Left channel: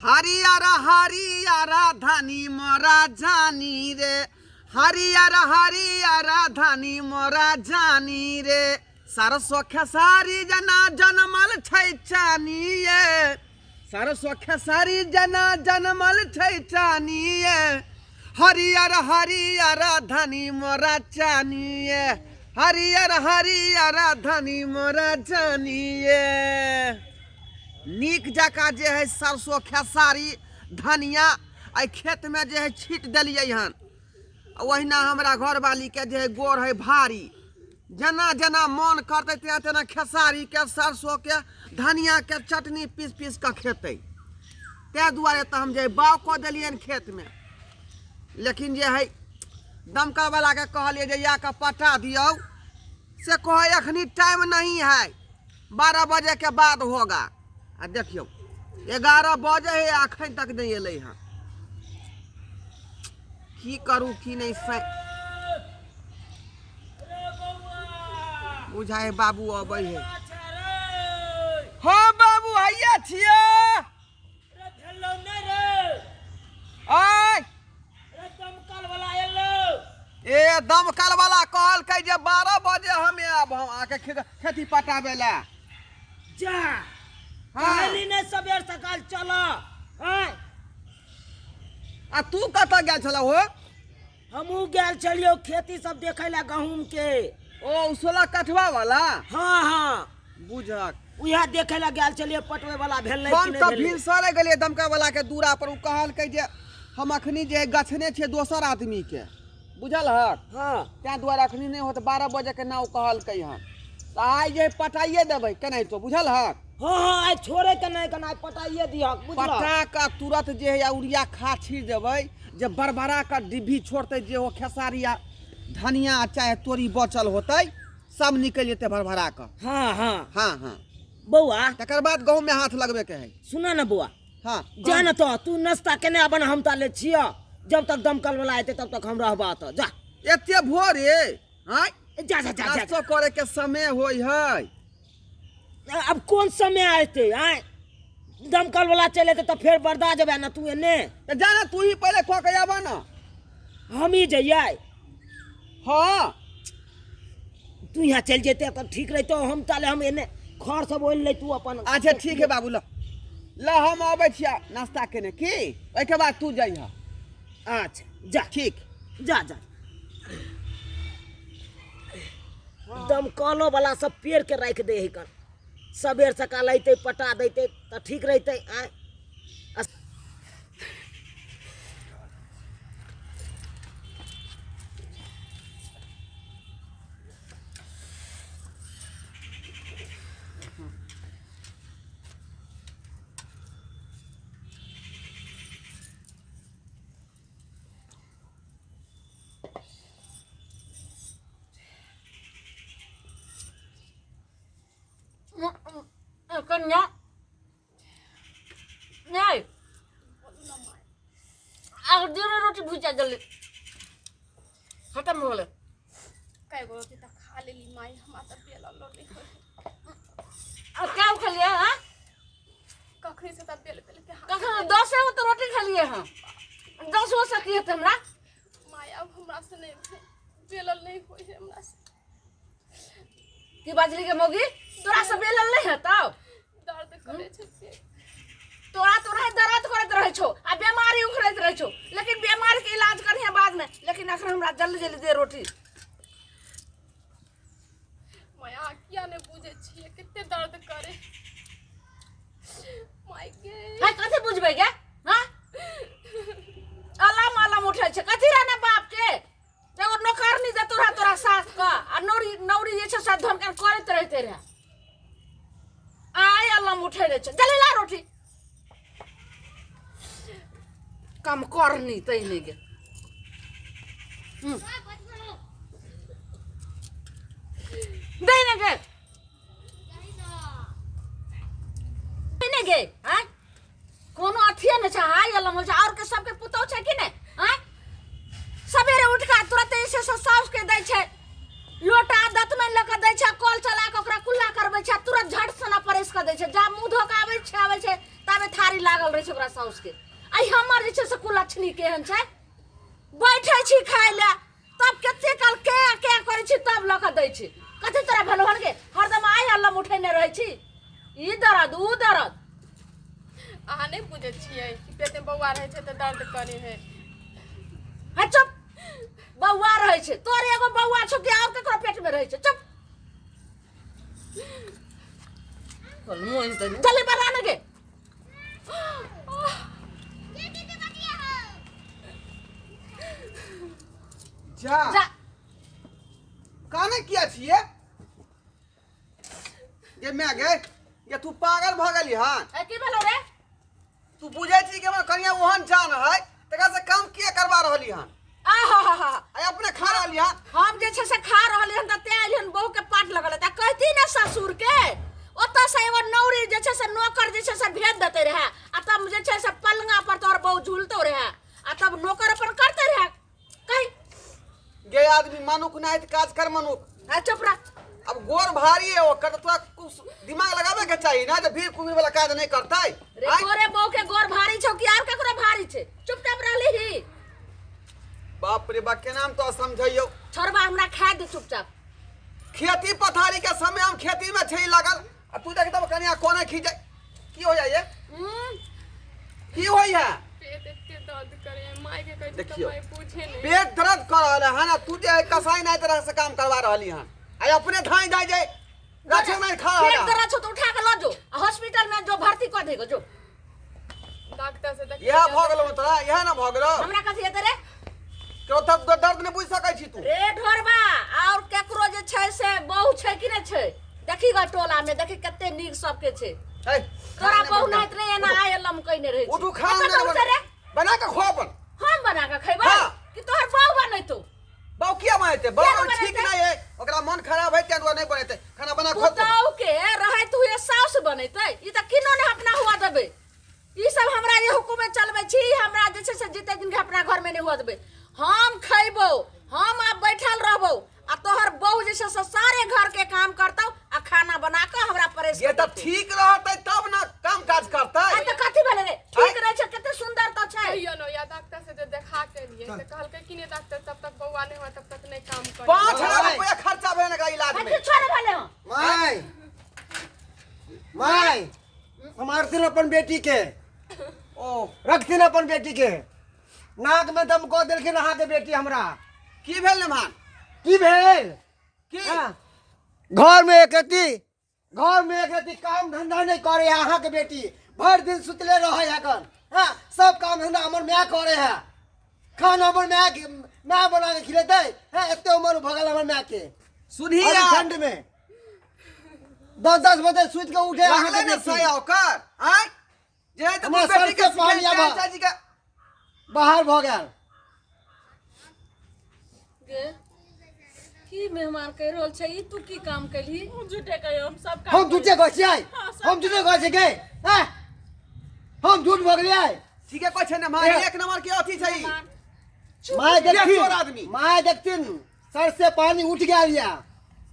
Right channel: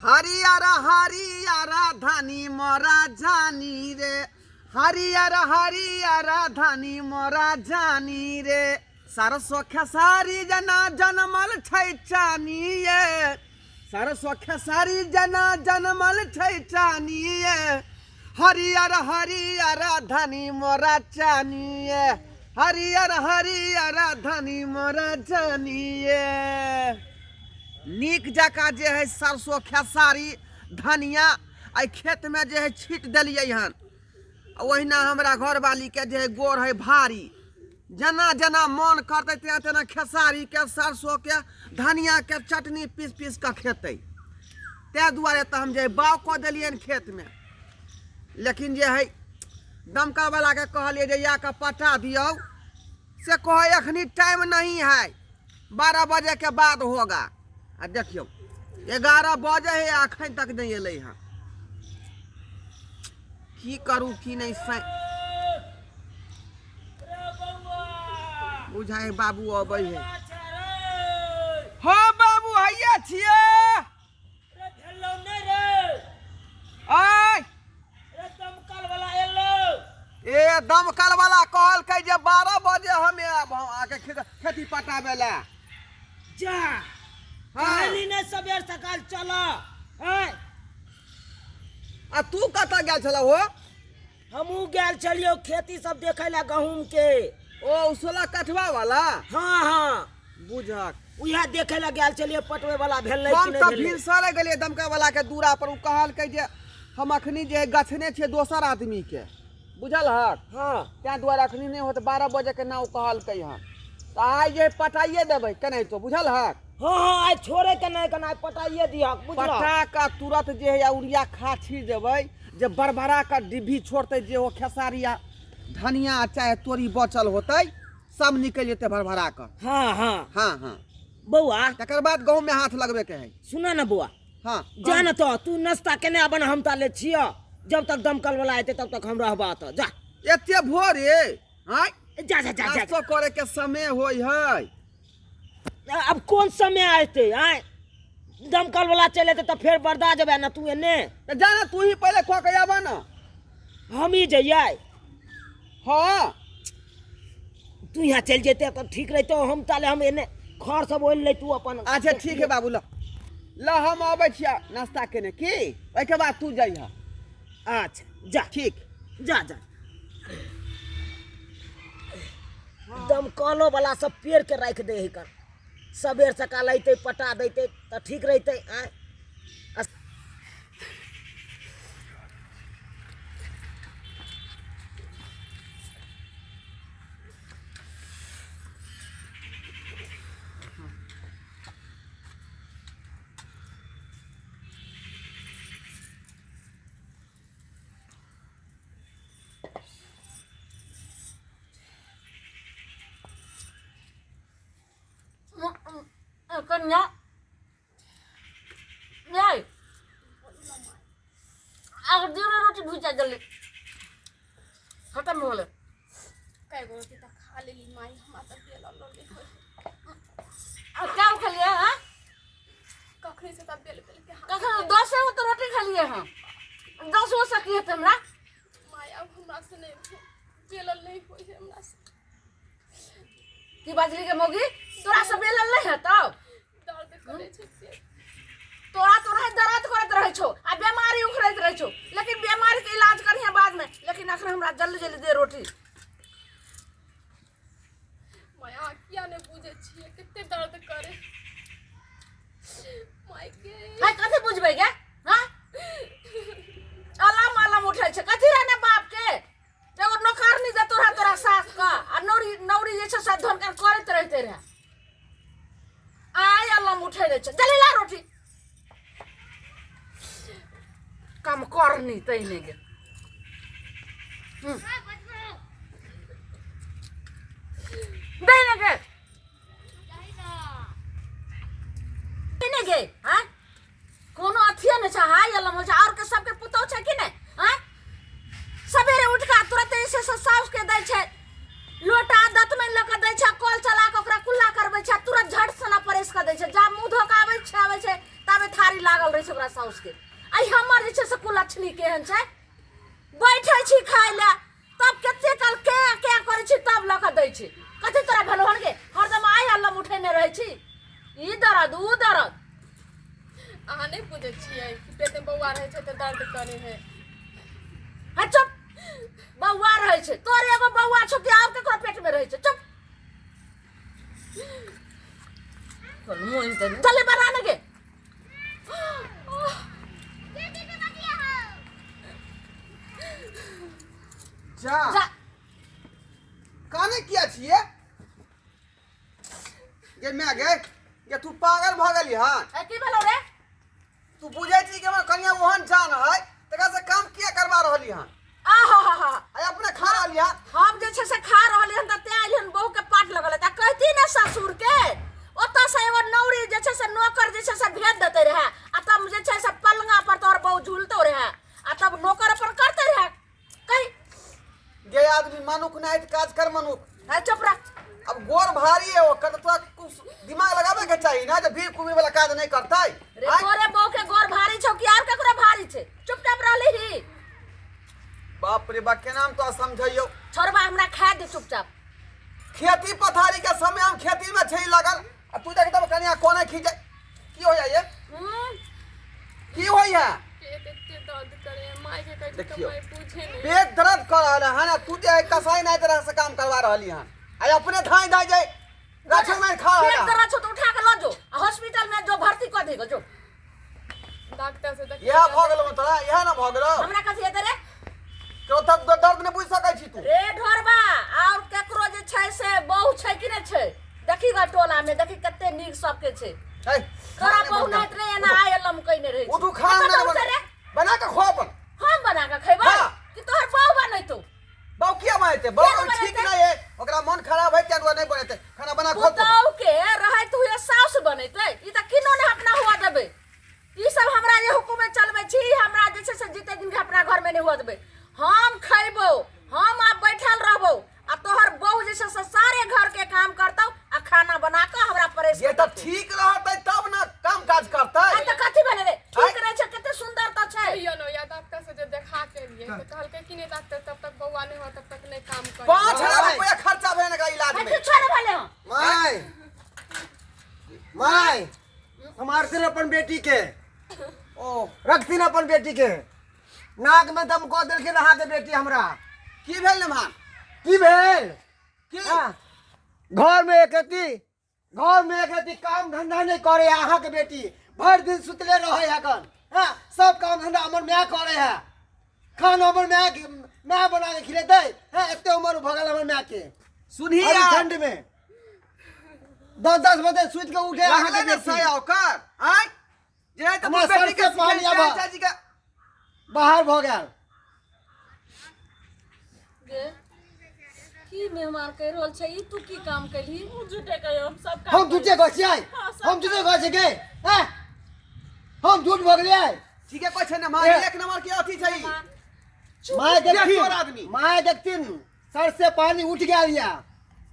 हरियर हरियर धनी मोरा जानी रे, हरियर हरियर धनी मोरा जानी रे, सरसो खेसारी जना जनमल छै चानी ये, सरसो खेसारी जना जनमल छै चानी ये, हरियर हरियर धनी मोरा चानी ये, हरियर हरियर धनी मोरा जानी ये। नीक जका जे है सरसों खेसारी धनिया आई खेत में जे है छीट दिलिए हन। वहीना हमरा घरवाली के जे है गोर है भारी, जना जना मन करते तेना तेना खेसारी के सरसों के धनिया के चटनी पीस पीस के खेते। ते दुआरे तो हम जे है बाव कऽ दिलियन खेत में। लेकिन जे है दमकल वाला के कहलिए जे या के पटा दियो, से कहे अखनी टाइम नहीं है, 12 बजे के बाद होगा। आ देखियो 11 बजे है अखन तक नहीं अल है, की करूँ की नहीं बुझाए। बाबू अब है, हाँ बाबू हैया छिए ए दमकल वाला कहल के जे 12 बजे हमें अब हम आके खेती पटाबे ला जा। हाँ। ने सबेर सकाल चला। आ तू कतऽ गेल छल हो? हमू गेल छलियो खेती सब देखे ला गहूम के। ओ 16 कठवा वाला? हाँ हाँ बुझक उहा देखे ला गेल छलियो पटवे वाला भेलै हम कि तऽ नहीं भेलै। भिनसरे गेलिए दमकल वाला के दूरा पर। उ कहल के जे हम अखनी जे गछने छे दोसर आदमी के, बुझल हक? हाँ त्या दुआरे अखनी नहीं होत, 12 बजे के नाव कहल के हम तो आइ जे पटाइए देबै केनाहि तो, बुझल हक? हाँ हाँ आज छोड़े के नहीं कना पटाइए दिया बुझल। पटा का तुरंत जे है यूरिया खाद छीट देबै, जे बरबरा का डिब्बी छोड़ते, जे हो खेसारिया धनिया चाहे तोरी बचल होते सब निकल जेते भरभरा का। हाँ हाँ हाँ हाँ बउआ तकर बाद गहूम में हाथ लगबे के है। सुना ना बुआ, हाँ जान तो तू नाश्ता केने अपन हम ताले छिया, जब तक दमकल वाला आते तब तक हम रहबा तो जा। एते भोरे हाँ जा जा जा, जा, नाश्तो करे के समय होई है। अब कौन समय आते आए दमकल वाला चले तो फिर बर्दा जब ना तू एने तो जाना तू ही पहले खो के आवा ना। हम ही जइए। हाँ तू यहाँ चल जेते तो ठीक रही, तो हम ताले हम एने खर सब ओल ले तू अपन। अच्छा ठीक है बाबू, लो लो हम आबै छिया नाश्ता केने की, ओइ के बाद तू जइह। अच्छा जा ठीक जा जा। दमकलो वाला सब पेड़ के रख दे है कर, सबेर सकाल अते पटा देते तो ठीक रहते। आए कन्या नहीं अगर दिन में रोटी भूजा जल्दी खत्म हो गए। कई गो रोटी तक खा लेली माई, हमरा तक बेला लोली होय। अब क्या खा लिया? हाँ कखनी से तब बेल बेल के कखन 10 में तो रोटी खा लिए हैं, 10 हो सकती है तुमरा माई। अब हमरा से नहीं बेलल नहीं होय है हमरा से। की बाजरी के मोगी तोरा से बेलल नहीं है तब दर्द करे छै पेट। तोरा दर्द करत रहे छो आ बीमारी उखड़त रहे छो, लेकिन बीमारी के इलाज करिए बाद में। लेकिन अखन हमरा जल्दी जल्दी दे रोटी। माई आ किया ने बुझे छिए कितने दर्द करे माई गे। हाय कथि बुझबे गे? हां अलाम अलाम उठै छै कथि रहने बाप के। एगो नौकरनी जे तोरा सास का आ नौरी जे छै सब धन कर करत रहते रहे। आय अलाम उठै रे छै, जल्दी ला रोटी। काम करनी तइने गे। देने गे देने गे। हां कोनो अथिए न छै। हाय अलाम हो छै और के सबके पुतौ छै कि नहीं? हां सवेरे उठ के तुरंत ऐसे साउस के दै छै लोटा दतमन लेके दै छै, कल चला के ओकरा कुल्ला करबै छै, तुरंत झट सना परेस के दै छै। जा मुंह धो के आबै छै ताबे थारी लागल रहे छै ओकरा साउस के आई हमर जे छै से कुलछनी केहन छै बैठे छी खाय ले तब कते काल के करे छी तब लख दै छी कथि तोरा भलहन के हरदम आई अल्लम उठेने रहै छी ई दर्द ऊ दर्द अहाँ नहीं बुझे छियै कि पेट में बौआ रहे छै त दर्द करे है है चुप बौआ रहे छै तोर एगो बौआ छौ कि और केकरो पेट में रहे छै चुप चले बनाने के जा जा काने किया छिए ये मैं गे ये तू पागल भ गेली हन ए की भेलो रे तू बुझे छी कि हमर कन्या ओहन जान है तकरा से काम किया करवा रहली हन आहा आई अपने खा रहली हन हम जे छै से खा रहल हन त ते आइल हन बहू के पाट लगल त कहती ने ससुर के ओत से एगो नौरी जे छै से नौकर जे छै से भेज देते रहे आ तब जे छै से पलंगा पर तोहर बहू झूलतो रहे आ तब नौकर अपन करते रहे कहीं गे आदमी मनुक नहीं काज कर मनुक है चुप रह अब गोर भारी है ओकर तो कुछ दिमाग लगावे के चाहिए ना जब भीड़ कुमी वाला काज नहीं करता है रे तोरे बहू के गोर भारी छौ कि और केकरो भारी छै चुपचाप रहली ही बाप रे बा के नाम तो समझियो छोड़बा हमरा खा दे चुपचाप खेती पथारी के समय हम खेती में छै लगल आ तू देख तब कन्या कोने खींचे की हो जाए की होई है पेट इतने दर्द करे है माई के कहती तो देखियो। माई पूछे नहीं पेट दर्द कर रहल है ना तू जे कसाई नहीं तरह से काम करवा रहली हन आई अपने धाई धाई जाए गाछो में खा पेट रहल दर्द छौ तो उठा के ल जो हॉस्पिटल में जो भर्ती कर देगो जो डॉक्टर से देख यह भ गेलो तोरा यह ना भ गेलो हमरा कथि हेते रे क्यों तब दर्द नहीं बुझ सकै छी तू रे ढोरबा और केकरो जे छै से बहु छै कि नै छै देखी ग टोला में देखी कते नीक सबके छै है तोरा बहु नाइत रे एना आय लम कइने रहै उठू खा रे बना के खो अपन हम बना के खैबा हाँ। कि तोहर बहु बनैतो बाऊ किया बनते बाऊ किया ठीक बनैते? नहीं है ओकरा मन खराब है तें नहीं बनते खाना बना खो तो पुतौ के रहै तू ये साउस बनैते ई त किनो ने अपना हुआ देबे ई सब हमरा जे हुकुम में चलबै छी हमरा जे छै से जीते दिन के अपना घर में नहीं हुआ देबे हम खैबो हम अब बैठल रहबो आ तोहर बहू जे छै से सारे घर के काम करतौ आ खाना बना के हमरा परेश ये तो ठीक रहते तब ना काम काज करते आ त कथि भेले रे ठीक रहे छै कते सुंदर त छै कहियो न या डॉक्टर से जे देखा के लिए तो कहलकै कि नहीं डॉक्टर तब तक बौआ नहीं हुआ तब तक नहीं काम करे 5,000 रुपया खर्चा भेने का इलाज में कथि छोड़ भेले हो माय माय हमारथिन अपन बेटी के ओ रखथिन अपन बेटी के नाक में दम को देलखिन अहाँ के बेटी हमरा की भेल ने मान की भेल की हाँ, घर में एक रति काम धंधा नहीं करे है अहाँ के बेटी भर दिन सुतले रहे है कन हाँ सब काम धंधा हमर माय करे है खाना हमर माय बना के खिलेते हाँ एते उम्र भगल हमर माय के सुनिए अभी ठंड में 10 बजे सुत के उठे अहाँ के लागले बेटी सया ओकर आय जे तो हमरा बेटी के सर से पानी सिखाई आवा। चाची का बाहर भ गेल गे की मेहमान कह रहल छै ई तू की काम कैली झूठे कहियो हम सब हम झूठे कहै छियै हम झूठे कहै छियै गे हैं? हम झूठ भगलियै ठीक है कोई छे ना मान एक नंबर के अथी छै माय चोर आदमी। देखथिन सर से पानी उठ गेल या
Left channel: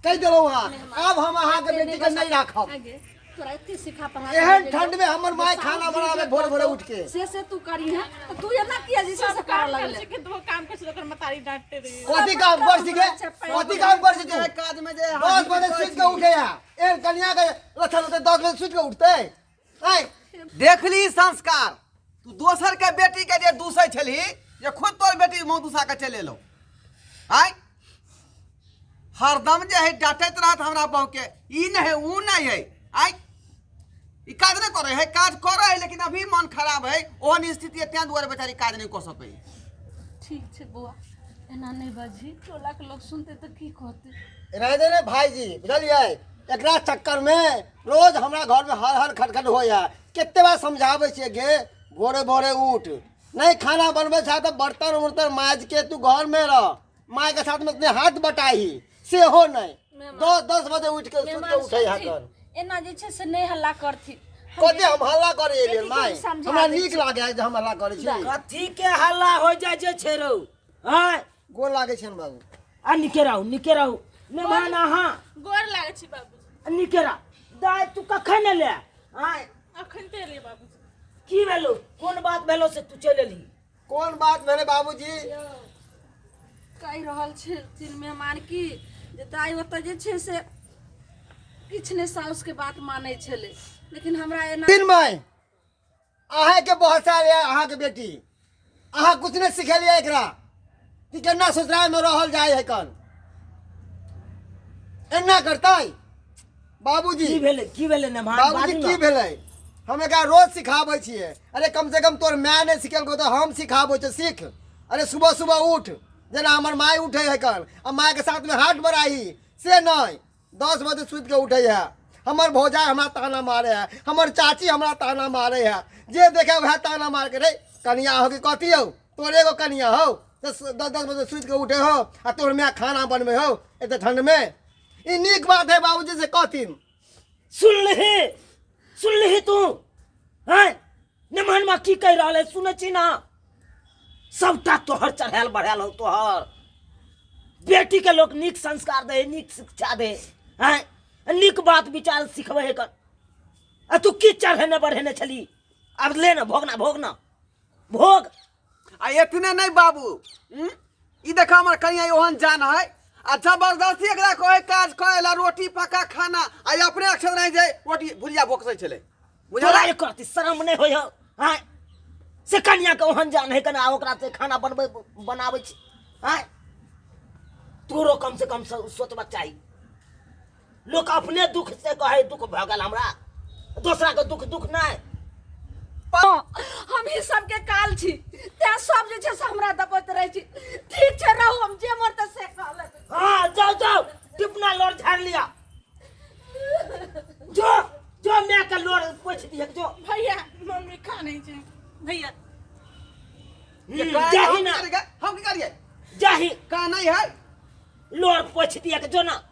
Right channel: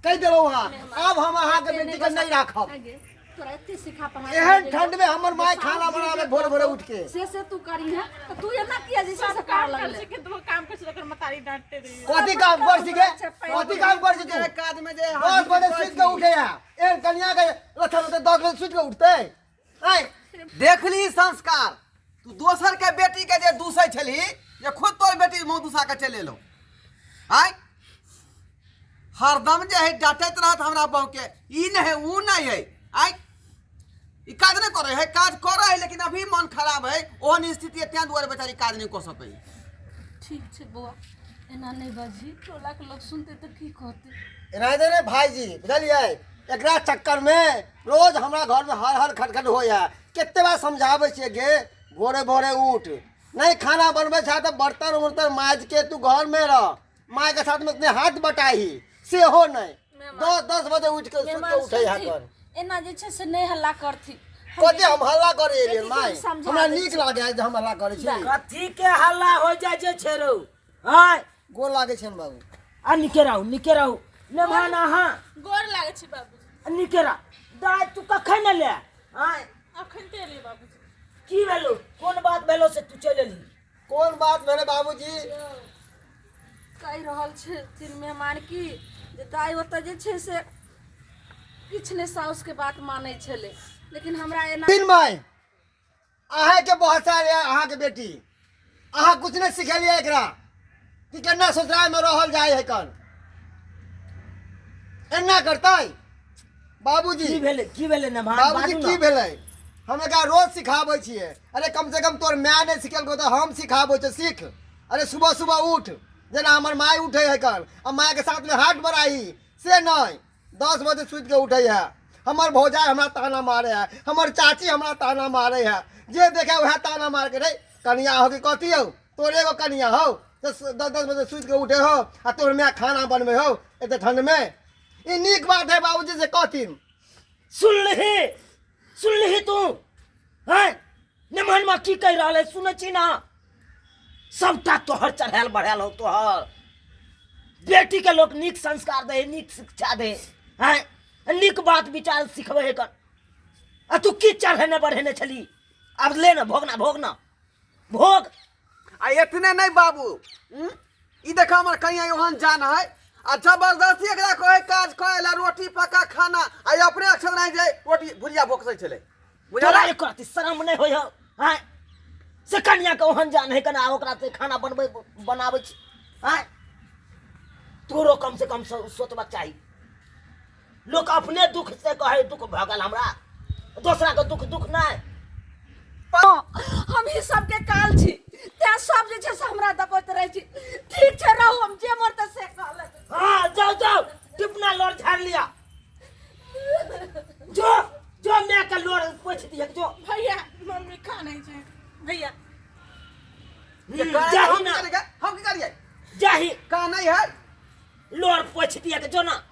कह देलौ हां अब हम अहाँ के बेटी के नहीं राखब आगे तोरा एते सिखा पढ़ा एहन ठंड में हमर माय खाना बनावे भोर भोर उठ के से तू करी है तो तू एना किया जे से कर लगले कि तू काम कर से मतारी डांटते रही कथी काम कर सके कथी काम कर सके एक आदमी जे 10 बजे सुत के उठे या एहन कन्या के लखन होते 10 बजे सुत के उठते हैं देखली संस्कार तू दोसर के बेटी के जे दूसै छली जे खुद तोर बेटी मुंह दूसा के चले लो आय हरदम जे है डांटत रहत हमरा बहू के ई नहीं है ऊ नहीं है आय ई काज नहीं करे है काज करे है लेकिन अभी मन खराब है ओहन स्थिति है त्यां दुआरे बेचारी काज नहीं कर सकै ठीक छै बौआ एना नहीं बाजी टोला के लोग सुनते तो की कहते नहीं ने भाईजी बुझलिए एकरा चक्कर में रोज हमरा घर में हर खटखट होया कितने बार समझावे छियै गे भोरे भोरे उठ नहीं खाना बनबे छै तो बर्तन उर्तन माज के तू घर में रह माय के साथ में अपने हाथ बटाही से हो नहीं 10 बजे उठ के सुत के उठे है कर एना जे छै से नहीं हल्ला करथी कते हम हल्ला करे रे बेटी के माय समझा हमरा दै नीक लागे है जे हम हल्ला करे छी कथी के हल्ला हो जाए जे छेरौ हां गोल लागे छै बाबू आ निके रहू मेहमान अहाँ गोर लागे छी बाबूजी निके रह दाय तू कखन ले हां अखन ते ले बाबूजी की भेलो कोन बात भेलो से तू चल एली कौन बात भेले बाबूजी? कहि रहल छै तीन मेहमान की जे दाइ ओतऽ जे छै से किछु नहि साउसके बात मानै छलै, लेकिन हमरा एना तीन माय अहाँ के बहुत सारे अहाँ के बेटी अहाँ कुछ नहीं सिखेलिए एकरा कि केना ससुराल में रहल जाए है कन एना करतै बाबूजी? की भेले ने मान बाबूजी बाजू की ना भेलै? हम एकरा रोज सिखाबै छियै। अरे कम से कम तोर माय नहीं सिखेलको तो हम सिखाबै तो सीख। अरे सुबह सुबह उठ जेना हमर माय उठे है कन आ माय के साथ में हाथ बढ़ाई से नहीं 10 बजे सुत के उठे है। हमर भौजाई हमरा ताना मारे है, हमर चाची हमरा ताना मारे है, जे देखे वह ताना मार के रे कनिया हो कि कथी हो तोरे एगो कनिया हो तो 10 बजे सुत के उठे हो आ तोर माय खाना बनबे हो एते ठंड में। ई नीक बात है बाबूजी से कथिन। सुन ली तू हैं निमन में की कह रहा है सुने छी ना सबटा तोहर चढ़ायल बढ़ायल हो तोहर बेटी के लोग नीक संस्कार दे नीक शिक्षा दे हैं नीक बात विचार सिखबे है कर आ तू की चढ़ेने बढ़ेने छली अब ले ना भोगना भोग आ इतने नहीं बाबू ई देखा हमर कनिया योहन जान है अच्छा जबरदस्ती एकरा कहे काज करेला रोटी पका खाना आई अपने अक्षर नहीं जाए रोटी भुजिया भोकसे चले तोरा एक रति शर्म नहीं होय हैं से कन्या के ओहन जान है कना ओकरा से खाना बनावे छी हैं तोरो कम से कम सोचबा चाहिए। लोग अपने दुख से कहे दुख भगल हमरा दूसरा के दुख नहीं हम ही सबके काल छी ते सब जे छै से हमरा दबत रहै छी। ठीक छै रहू हम जे मोर त से कहले। हाँ जाओ टिपना लोर झाड़ लिया जो मैं का लोर पोछ दिया जो भैया मम्मी खा नहीं छै भैया जाही ना हम की करिए जाही का नहीं है लोर पोछ दिया जो ना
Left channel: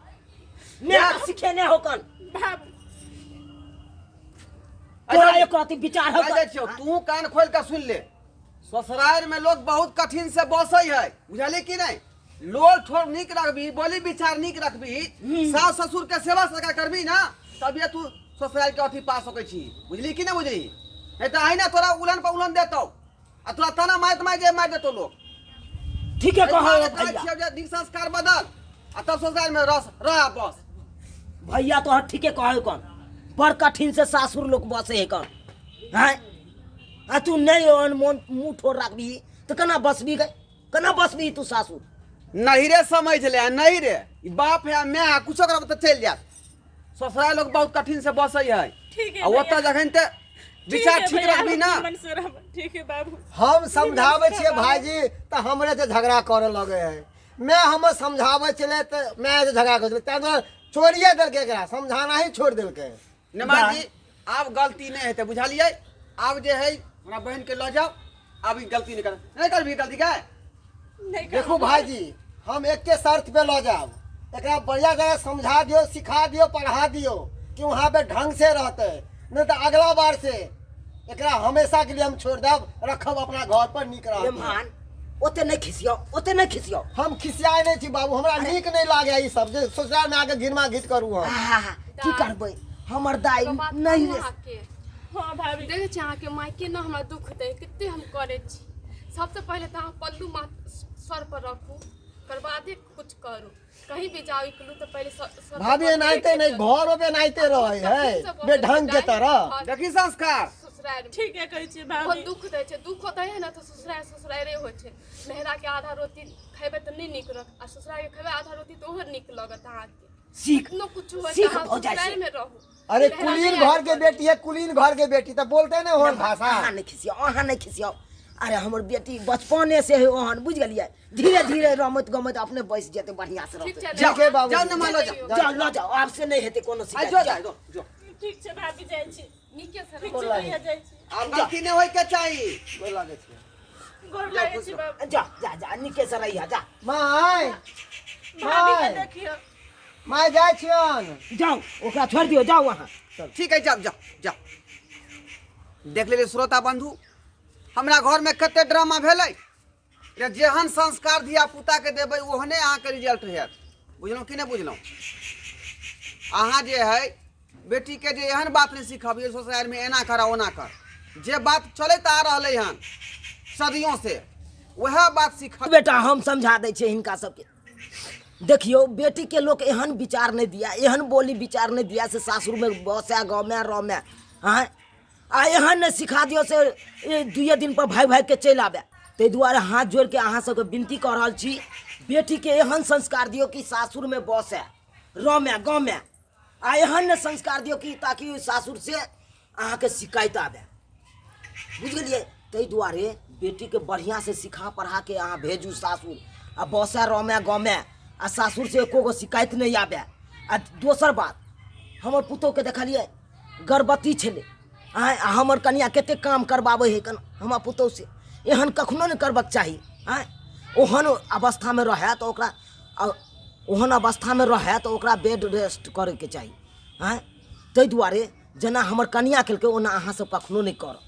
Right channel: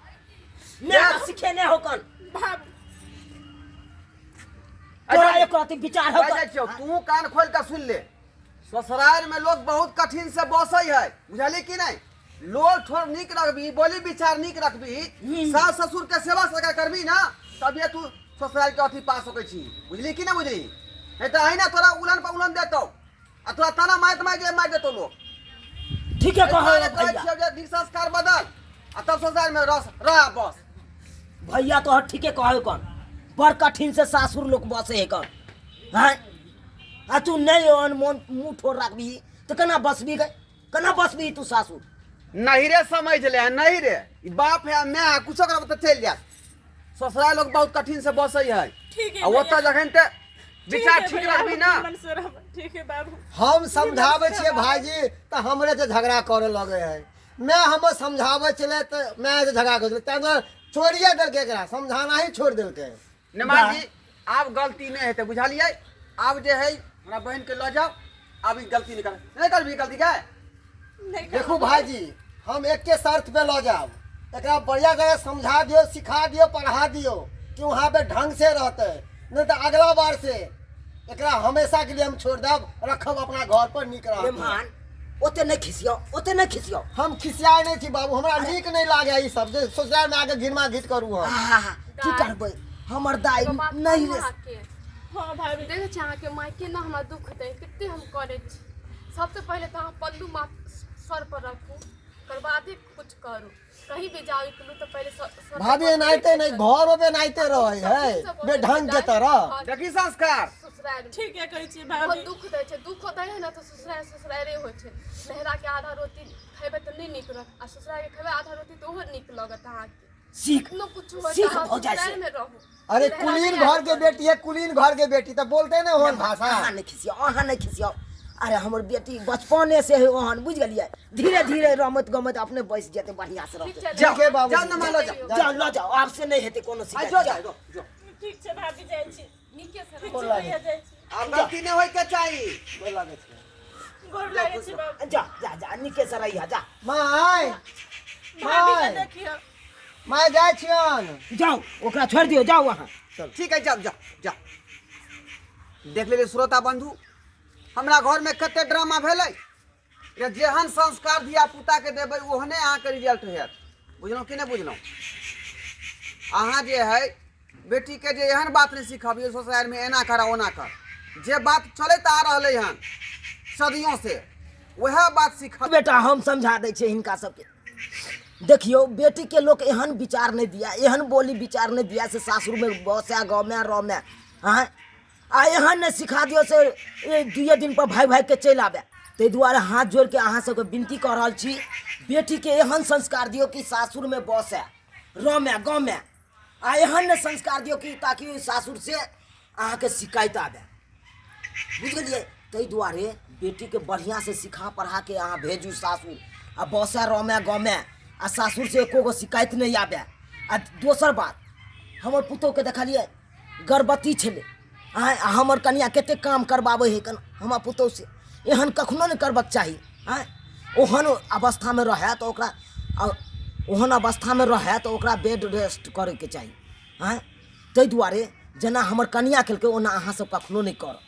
मैं तो सीखे नहीं होकन भाभी तोरा एक रति विचार हो तू कान खोल के सुन ले। ससुराल में लोग बहुत कठिन से बसै है बुझली कि नहीं। लोग थोड़ा नीक रखबी बोली विचार नीक रखबी सास ससुर के सेवा सका करबी ना तभी तू ससुराल के अथी पा सकै छी बुझली कि नहीं बुझली। नहीं तो है ना तोरा उलन पर उलन देतो आ तोरा तना मार देतो लोग। ठीक है कहो भैया नीक संस्कार बदल आ तब ससुराल में रह बस। भैया तो ठीक है कहो कौन बड़ कठिन से सासुर लोग बसे है कौन हैं आ तू नहीं मुंह ठोर रखबी तो कना बसबी तू सासुर नहीं रे समझ ले नहीं रे बाप है मैं कुछ करब तो चल जा। ससुराल लोग बहुत कठिन से बसै है ठीक आ ओतऽ जखन ते विचार ठीक रखबी ना। ठीक है बाबू हम समझावे छिए भाईजी तो हमरे से झगड़ा करे लगे है। मैं हम समझावे चले तो मैं से झगड़ा कर चले छोड़िए देलके एकरा समझाना ही छोड़ देलके। निमान जी आप गलती नहीं हेते बुझलिए। आप जे है हमरा बहन के ल जाओ अब ई गलती नहीं करबी गलती का देखो भाईजी हम एक के शर्त पे लो जाओ एकरा बढ़िया जगह समझा दियो सिखा दियो पढ़ा दियो कि वहाँ पे ढंग से रहते नहीं तो अगला बार से एकरा हमेशा के लिए हम छोड़ देब रखब अपना घर पर नीक रह। मेहमान ओते नहीं खिसियो हम खिसियाए नहीं छी बाबू हमरा नीक नहीं लागे ई सब जे ससुराल में आके घिरमा घित करू हम की करबै हमर दाई नहीं हाँ भाभी देखे छी अहाँ के मायके ना हमरा दुख दे कितने हम करे छी। सबसे पहले तो अहाँ पल्लू माथ सर पर रखू ओकर बादे कुछ करू कहीं भी जाओ इकलू तो पहले सर भाभी नाइते नहीं घरों पे नाइते रहे है बेढंग के तरह। देखी संस्कार ससुराल ठीक है कहै छी बहुत भाभी दुख दे छै दुख होता है ना तो ससुराले हो छै। नहरा के आधा रोटी खेबे तो नहीं निक रह आ ससुराल के खेबे आधा रोटी तो ओहो निक लगत अहाँ के सीख न कुछ हो सीख तो भौजाई ससुराल से। में रहू। अरे कुलीन घर के बेटी है कुलीन घर के बेटी तो बोलते ना हो भाषा। अहाँ नहीं खिसियो अरे हमर बेटी बचपने से है ओहन बुझ गलिए धीरे धीरे रमत गमत अपने बैस जेते बढ़िया से ठीक रहते। छै ठीक है बाबू जा न मालो जा जाओ ल जाओ आपसे नहीं हेते कोनो आ शिकायत जो जाओ। जो ठीक छै भाभी जाइ छी नीके से ठीक रहू। छै भैया जाइ छी आप गलती नहीं होय के चाहिए बोल लागे छै गोर लागै छी बाबू जा निके से रहिया जा माय भाभी के माय देखियो माय जाय छियन जाओ ओकरा छोड़ दियो जाओ वहाँ ठीक है जा देख लेबे श्रोता बंधु हमरा घर में कते ड्रामा भेलै जेहन संस्कार धिया पुता के देबै ओहने अहाँ के रिजल्ट हैत बुझलहुँ कि नहीं बुझलहुँ। अहाँ जे है बेटी के जे एहन बात नहीं सिखबिए ससुराल में एना कर ओना कर जे बात चलत आ रहले हन सदियों से वह बात सीख। बेटा हम समझा दै छियै हिनका सबके। देखियो बेटी के लोग एहन विचार नहीं दिया, एहन बोली विचार नहीं दिया से सासुर में बसे गाँव में रह में, हाँ आ एहन नहीं सिखा दियो से ये 2 दिन पर भाई के चल आबे। ताहि दुआरे हाथ जोड़ के अहाँ सबके विनती कर रहल छी, बेटी के एहन संस्कार दियो कि सासुर में बसे रह में गाँव में, आ एहन नहीं संस्कार दियो कि ताकि सासुर से अहाँ के शिकायत आबे, बुझ गेलिए। ताहि दुआरे बेटी के बढ़िया से सिखा पढ़ा के अहाँ भेजू सासुर, आ बसे रह में गाँव में, आ सासुर से एको गो शिकायत नहीं आबे। आ दोसर बात, हमर पुतोह के देखलिए गर्भवती छले, हमर कन्या कते काम करवावे है कन हमर पुतोह से, एहन कखनो नहीं करबक चाही। ओहन अवस्था में रहे तो ओकरा ओहन अवस्था में रहे तो ओकरा बेड रेस्ट करे के चाही। ताहि दुआरे जेना हमर कन्या केलकै ओना अहाँ सब कखनो नहीं कर।